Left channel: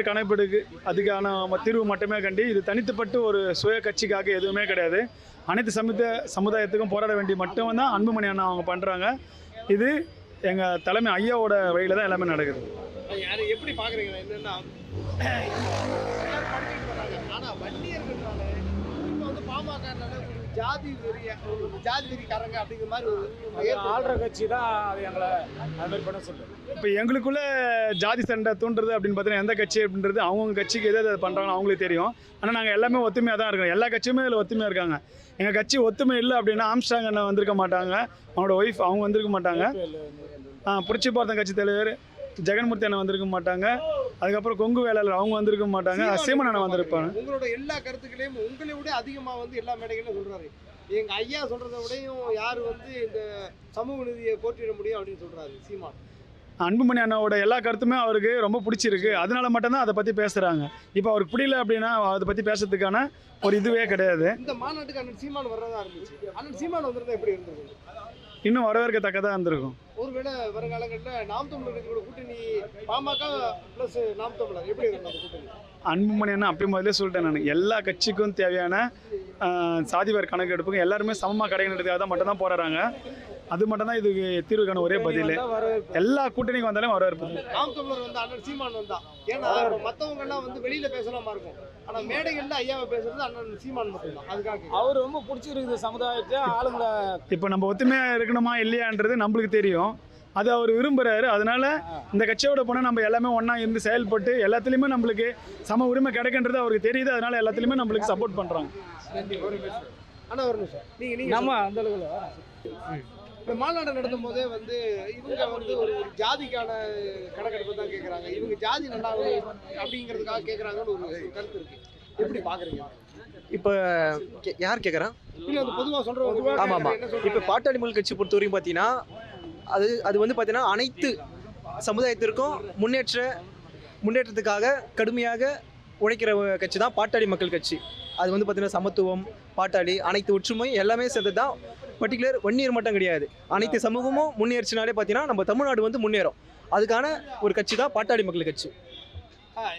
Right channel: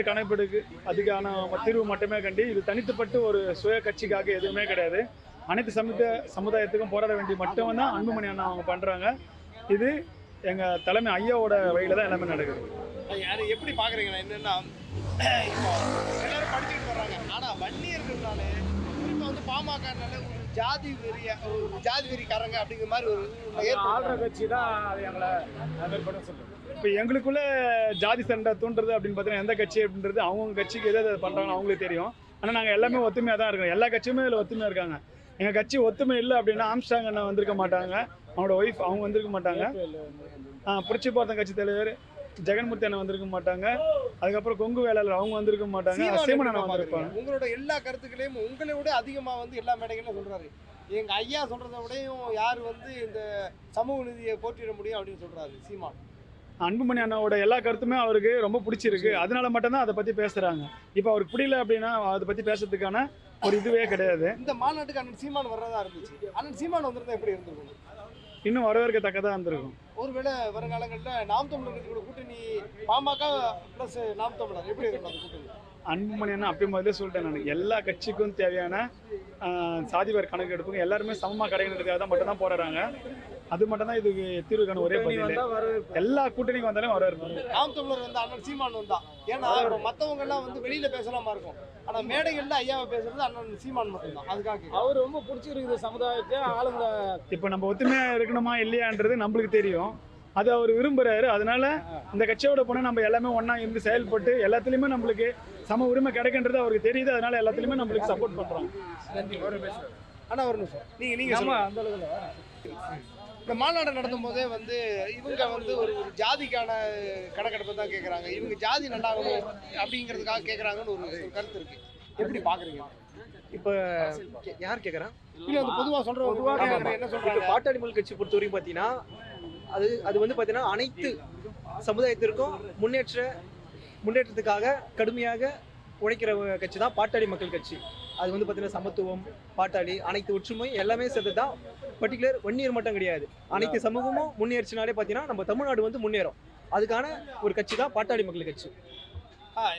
சாதிவாரி கணக்கெடுக்கு அதுக்கான தீர்வு மட்டுமே கண்டி இது தனித்துப்பட்டு ஒரு சுய கட்சிக்காக எதுவுமே கிடையாது. அனைத்து சமுத சமுதாயத்துக்கும் போராட வேண்டிய மட்டும்தான் அன்புமணி அண்ணா அவங்க பண்ணுறாங்க இது எங்கள் தலைமை ஐயாவோட வழியில் தான் எல்லாமே நடக்குது. யார் எப்படி பார்க்குறீங்க என்னென்னா இப்போ எல்லாரும் படிச்சுட்டு வன்னியர்கள்னால இப்போ வந்து பாமகனால ஜாதி வெறிய ஒரு ஜாதி வெறிக்காரங்க அப்படிங்கிற மாதிரி ஒரு ஆள்ற கட்சி தான் அது எங்களை அது பண்ண சொல்லுது. இப்போ எங்களுக்குள்ள ஜாதி சண்டை தூண்டுறது அப்படின்னு பார்த்தீங்கன்னா எந்த கட்சி அப்படின்றது அவங்க கட்சிக்கு எது எது பண்ணுறாங்க அவங்களுக்கு தெரியும். ஆனால் நாங்கள் எல்லாமே ஒத்துமையாக தான் இருக்கோம். எல்லா கட்சியுமே இதில் ஒத்துமையாக இருக்காங்க. எங்கள் கட்சி ஒத்துமை இல்லை அப்படின்னா ஆம்ஸ்டாங் அண்ணன் வந்திருக்க மாட்டாங்க. அவங்களோட ஒய்ஃப் அவங்க வந்திருக்க மாட்டாங்க. புரட்சி பார்த்தன் கட்சி தலைவர் ஜெகன்மூர்த்தி அண்ணன் வந்திருக்க மாட்டாங்க. அதுக்கப்புறம் கொங்கு வேளாளர் அவங்க வந்திருக்க மாட்டாங்க. சீமன் அண்ணன் வந்திருப்பாங்க உங்களோட எல்லா கருத்துக்களையும் உங்களை விட அதிகமா வந்து எல்லா மேடைகளும் சொல்றாரு. எங்க ஐயா சொல்றதை விடையும் யார் வந்து இந்த சமூக நீதியை போற்றிட முடியும் அப்படின்னு சொல்றாரு சீமான். அன்புமணி அண்ணாவோட எல்லா கருத்துமே அவருக்கு ரொம்ப பிடிச்சிருக்கு. அதனால மட்டும்தான் அதை பற்றி பேசுகிறாங்க இப்போ அவருக்கு பிடிக்கல அப்படின்னா அதை பற்றி பேசுறதுக்கான ஒரு இதுவே கிடையாது. இந்த மாநாட்டுக்கு அண்ணன் சீமான் வர்றதா இருந்துச்சு. அண்ணன் சீமான் வந்திருந்தா எப்படி இருந்திருக்கும்? இன்னும் வரவேற்கத்தக்கதாக இருந்திருக்கும். ஒருவேளை வருங்காலங்களில் நாம் தமிழர் கூட கூட்டணி பாமக ப்ளஸ் நாம் தமிழர். எப்படி இருக்கும் அந்த கூட்டணி? அன்புமணி அப்படி முதல்ல சொல்லிட்டேன் நான். எல்லா கட்சிக்கும் தேவையான சாதிவார் கணக்கெடுப்புக்கு எல்லாருமே சமமாக கிடைக்கிறதுக்காக தான் மட்டும்தான் போராடுறாங்க. அது மட்டும்தான் இதுக்கு தீர்வுக்கான ஒரே பதில். எல்லா கூட்டணிக்கு வந்தாலும் வரவேற்பு. நாம் தமிழர் வந்து அண்ணன் சீமான் வந்தா. ஏன்னா மத்தவங்க எல்லாம் வந்து வெளியில பேசலாமா இருக்கும். ஆனா மேடைகள்ல ஐயாவை பேசுறது அண்ணன் சீமான் மட்டும்தான். அதுக்காக. அவர் ரொம்ப பிடிச்சிருக்குது சமுதாயத்தை ஆளுங்களை. இப்போ நம்ம ஒத்துமையாக இருக்கணுமா இல்லையான்றது நம்மளுக்கு தெரியும். அது அவர் விரும்புறாரு. அதனால இந்த கட்சியோட போனால் நம்ம எல்லாமே ஒன்றா இருந்து செயல்பட்டு எல்லாத்துலேயுமே நம்மளுக்கு சம உரிமை கிடைக்கின்றது அவருக்கு தெரியுது. அதனால எல்லாத்துலேயுமே நம்மளுக்கு சப்போர்ட் பண்ணுறாங்க அண்ணா ஒரு நிமிஷம். நீங்க நீங்க நம்ம சொல்லுங்க. அந்த அளவுக்கு. இந்த மாநாடு நடத்தும் போதே வந்து இவங்க வந்து ஒரு ஒரு ஜாதிக்கான கணக்கெடுப்பு தான் கேக்குறாங்க. இவங்க ஜாதி நல்லாகணும் அப்படிங்கிறதுக்காக கேக்குறாங்கன்னு ஒரு கருத்து இருக்கு. எப்படி பாக்குறீங்க? இப்போ கே- யார் கேட்குறான் இல்ல அது பொதுவா சொல்றோம் ஆமா, ஆமா. என்ன இப்போ பாட்டாளி மக்கள் கட்சி பொறுத்த வரைக்கும் பார்த்தீங்கன்னா அது அது வந்து பார்த்தீங்கன்னா அனைத்து சமுதாயத்திற்கும் முன்னேற்ற முன்னேற்றத்துக்காக கடுமையாக உழைக்கிற கட்சி தான் பாட்டாளி மக்கள் கட்சி. அது வந்து பார்த்தீங்கன்னா சமத்துவம் பாட்டாளி அனைத்து ஒற்றுமை எல்லாமே சேர்த்து தான் பர்டிகுலர் ஒன் இயர் மட்டும் கிடையாது. அனைத்து சமூகமும் முன்னேறிச்சினாலே பார்த்தீங்கன்னா நம்ம தமிழ்நாடு வந்து முன்னேறும். அதுக்கான ஒரு கட்சி தான் பாட்டாளி மக்கள் கட்சி.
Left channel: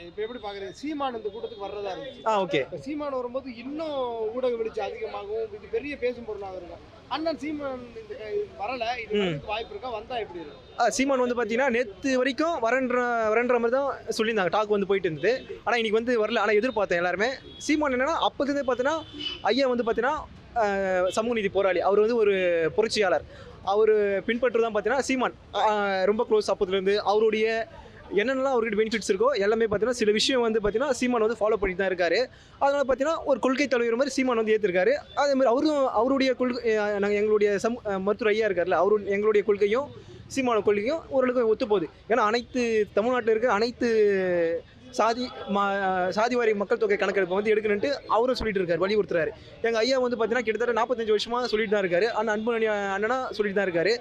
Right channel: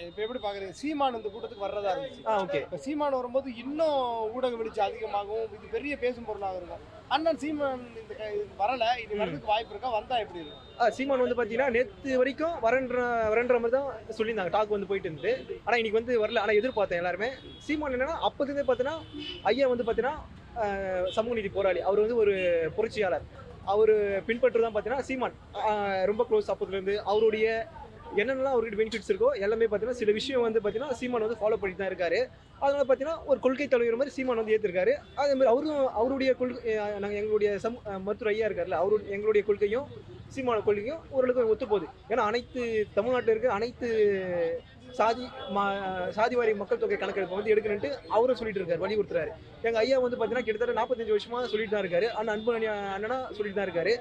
இப்ப எப்படி பாக்குறீங்க சீமான் இந்த கூட்டத்துக்கு வர்றதா இருந்துச்சு. ஆ ஓகே. இப்ப சீமான் வரும்போது இன்னும் ஊடக வெளிச்சம் அதிகமாகும் இது பெரிய பேசும் பொருளாக இருக்கும். அண்ணன் சீமான் இந்த வரல. இது. வரதுக்கு வாய்ப்பு இருக்கா? வந்தா எப்படி இருக்கும்? சீமான் வந்து பார்த்தீங்கன்னா நேற்று வரைக்கும் வரன்ற வரன்ற மாதிரி தான் சொல்லியிருந்தாங்க. டாக் வந்து போயிட்டு இருந்தது. ஆனால் இன்னைக்கு வந்து வரல. ஆனால் எதிர்பார்த்தேன் எல்லாருமே. சீமான் என்னன்னா அப்போதுலேருந்தே பார்த்தீங்கன்னா ஐயா வந்து பார்த்தீங்கன்னா சமூக நீதி போராளி. அவர் வந்து ஒரு புரட்சியாளர். அவர் பின்பற்று தான் பார்த்தீங்கன்னா சீமான் ரொம்ப க்ளோஸ் அப்போதுலேருந்து அவருடைய என்னென்னலாம் அவருக்கு பெனிஃபிட்ஸ் இருக்கோ எல்லாமே பார்த்தீங்கன்னா சில விஷயம் வந்து பார்த்தீங்கன்னா சீமான் வந்து ஃபாலோ பண்ணிட்டு தான் இருக்காரு. அதனால் பார்த்தீங்கன்னா ஒரு கொள்கை தலைவர் மாதிரி சீமான் வந்து ஏற்றிருக்காரு அதே மாதிரி அவரும் அவருடைய கொள்கை நாங்கள் எங்களுடைய சம் மருத்துவர் ஐயா இருக்கார்ல அவரு எங்களுடைய கொள்கையும் சீமான கொள்கையும் ஓரளவுக்கு ஒத்து போகுது ஏன்னா அனைத்து தமிழ்நாட்டில் இருக்க அனைத்து சாதி மா சாதிவாரி மக்கள் தொகை கணக்கெடுப்பு வந்து எடுக்கணுன்ட்டு அவரும் சொல்லிட்டு இருக்காரு வலியுறுத்துறாரு. எங்கள் ஐயா வந்து பார்த்தீங்கன்னா கிட்டத்தட்ட நாற்பத்தஞ்சு வருஷமாக சொல்லிட்டு தான் இருக்காரு. அண்ணன் அன்பு அண்ணனா சொல்லிட்டு தான் இருக்காரு.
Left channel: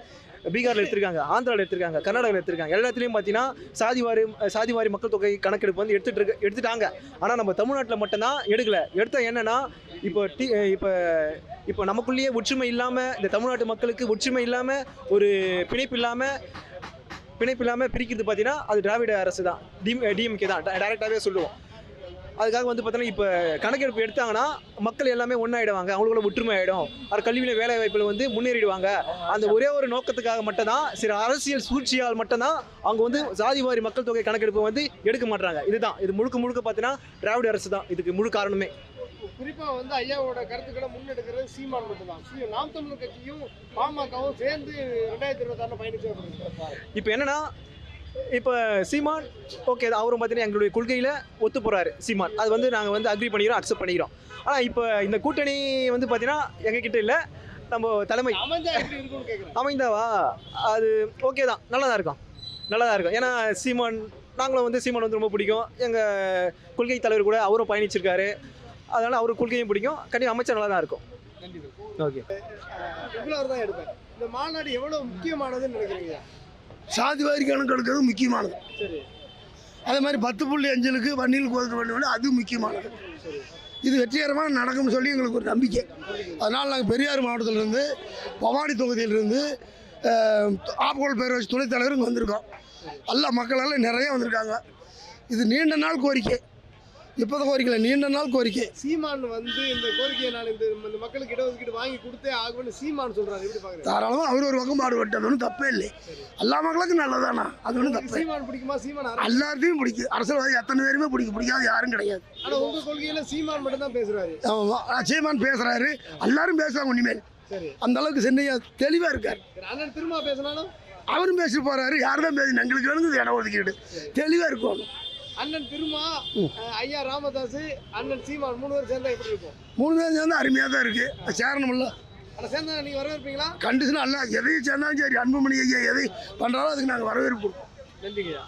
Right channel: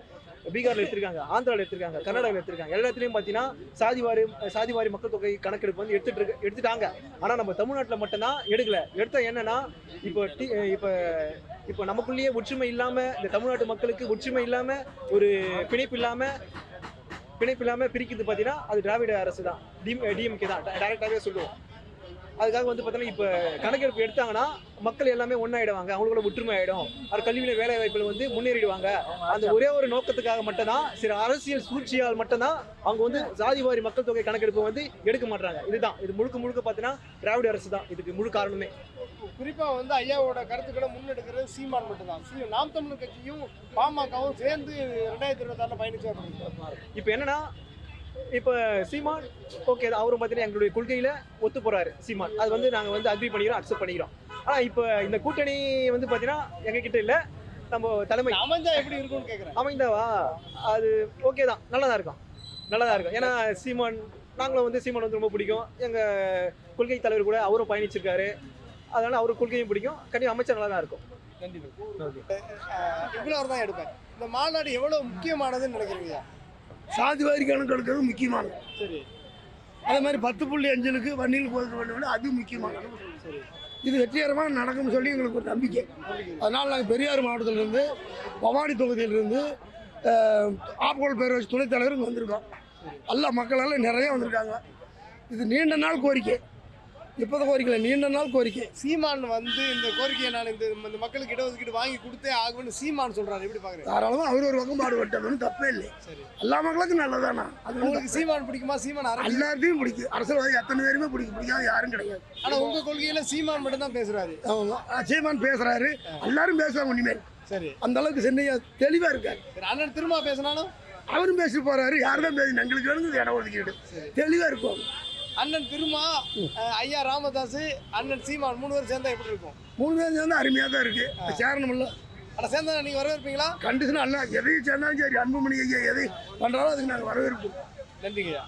பீகாரில் எடுத்திருக்காங்க ஆந்திராவில் எடுத்திருக்காங்க கர்நாடகாவில் எடுத்திருக்காங்க. எல்லாத்துலேயும் பார்த்தீங்கன்னா சாதிவாரி சாதிவாரி சாதி வாரி மக்கள் தொகை கணக்கெடுப்பு வந்து எடுத்துட்டு எடுத்துட்டாங்க. ஆனால் நம்ம தமிழ்நாட்டில் மட்டும்தான் எடுக்கல. எடுத்தால் என்னென்னா இப்போ டி இப்போ இப்போ நமக்குள்ளேயே ஒற்றுமை இல்லாமல் இந்த தமிழ்நாட்டு மக்களுக்கு ஒற்றுமை இல்லாமல் ஒரு பிணைப்பு இல்லாமல் பிணைப்பு இல்லாமல் பிரிக்கிறது பார்த்தீங்கன்னா அது திராவிட அரசு தான் டி டிஎம்கே தான். டைரெக்டாகவே சொல்லுவோம். அதுக்காக வந்து பார்த்தீங்கன்னா இப்போ கணக்கெடுப்பு எடுத்தாங்கன்னா மக்கள் எல்லாமே ஒன்றாயிடுவாங்க அவங்களோட ஒற்றுமை ஆகிடும் அது கல்வியில் வேலை வாய்ப்பில் வந்து முன்னேறிடுவாங்க. அந்த ஒரே ஒரு நோக்கத்துக்காக மட்டும்தான் சில அரசியல் சூழ்ச்சியால் மட்டும்தான் அவங்க வந்து சாதி வாரி மக்கள் தொகை கணக்கெடுப்பை வந்து எடுக்க மாட்டாங்க இதுதான். இது முழுக்க முழுக்க பார்த்தீங்கன்னா திராவிட அரசு தான். இதுக்கு முழு காரணமே. குறிப்பா வந்து ஐயாவோட கருத்துக்களை முன்னெடுக்கிறது சீமான் மட்டும்தான். நாம் தமிழர் கட்சியும் பாமகவும் சேர்ந்து ரெண்டாயிரத்தி இருபத்தாறுல பயணிச்சா இப்போ என்னன்னா இப்போ சீமான் ஓகே அவரும் பார்த்தீங்கன்னா எங்களுடைய கொள்கையில் ஒத்து போகிறாரு சீமான். அது வந்து நாங்கள் வந்து அக்ரி பண்ணிக்கிறோம் அக்செப்ட் பண்ணிக்கிறோம். ஆனால் இப்போ இந்த கூட்டணி வந்து பார்த்தீங்கன்னா எங்ககிட்ட இல்லை. நம்ம தலைமை அமைந்தாவா? அது ஓகே தான். நல்லா தான் இருக்கும். நல்லா தான் இருக்கும். ஏன்னா சீமான் நாங்களும் வந்து சீமான் வந்து ரொம்ப பிடிக்கும். எங்கள் கொள்கை தலைவர் கூட அவரும் பயணிச்சிருக்காரு. அதனால் அவர் கொள்கையும் பிடிக்கும். கண்டிப்பாக அமைச்சர் நல்லா தான் இருக்கும் ஓகே தான் எடுப்பேன். இந்த மாநாடு எவ்வளவு முக்கியமானதுன்னு நினைக்கிறீங்க? சாதிவாரி கணக்கு எடுக்கிறது முக்கியமானது. அதே மாதிரி பத்து புள்ளி அஞ்சலுக்கு வண்டியில் கோதுக்கு பண்ணி அது முக்கியமானது. இது வெற்றிகரமாக நடக்கும்னு சொல்லி எங்களுக்கு ஒரு நம்பிக்கை. அதனால் நாங்கள் பெரியார் மாவட்டத்திலிருந்து பவானி தொகுதியிலிருந்து அஹ், பேரவை பேரரசு துணைத் தலைவர் இங்கே வந்திருக்கோம். எல்லா மக்களால் நிறைய வந்திருக்காங்க. இது நீண்ட நாள் கோரிக்கை. இப்போதான் கோரிக்கை நீண்ட நாள் கோரிக்கை. சீமான் வந்து இந்த கோரிக்கையை நான் இந்த இந்த மக்களுக்கு இடஒதுக்கீடு வாங்கி கொடுத்தே ஆகும்னு சீமான் சொல்றாரு. எப்படி பாக்குறீங்க? தாராளமாக அவர் ஒரு பக்கம் பாடுபட்டது ஒன்றும் தப்பே இல்லை. எல்லா மக்களுக்கும் நல்லதானா அது ஒன்றும் சீமான் பிடிக்குமா? சீமான் எல்லாத்தையும் பிடிக்கும். அரசியல்வாதி எத்தனை பேருமே பிடிக்கும். பிடிக்காத யாரும் கிடையாது. ஆனா உங்க கொள்கையில சீமான் மட்டும் தான் பேசுறாரு. சீமான் பேசுறாரு. எல்லாரும் பேசுவாங்க இனிமேல். சரி. அந்த அளவுக்கு சென்னையா தெளிவா இருக்காரு. அண்ணன் திரும்ப பேசினாலும்? அவரும் பேசி போறாரு. யார்தான் பேசி எங்களுக்கு வேணுங்க இடம் ஒதுக்கிட்டு தெளிவா இருக்கும். அண்ணன் திருமா ஐயா ராமதாஸ் அண்ணன் சீமான் மூணு பேரும் சேர்ந்தா எப்படி இருக்கும்? மூணு பேரும் சேர்ந்து அருமையா தான் இருக்கு. சேரணும்ல ஆனா சேர்ந்தா நீங்க வரவேற்பீங்களா? கண்டிஷன் அல்ல எதையும் சேர்ந்தாலும் சரி அன்புமணி ஐயா எதை பண்றாலும் அதுக்கு நாங்கள் வரவேற்போம். நன்றிங்கய்யா.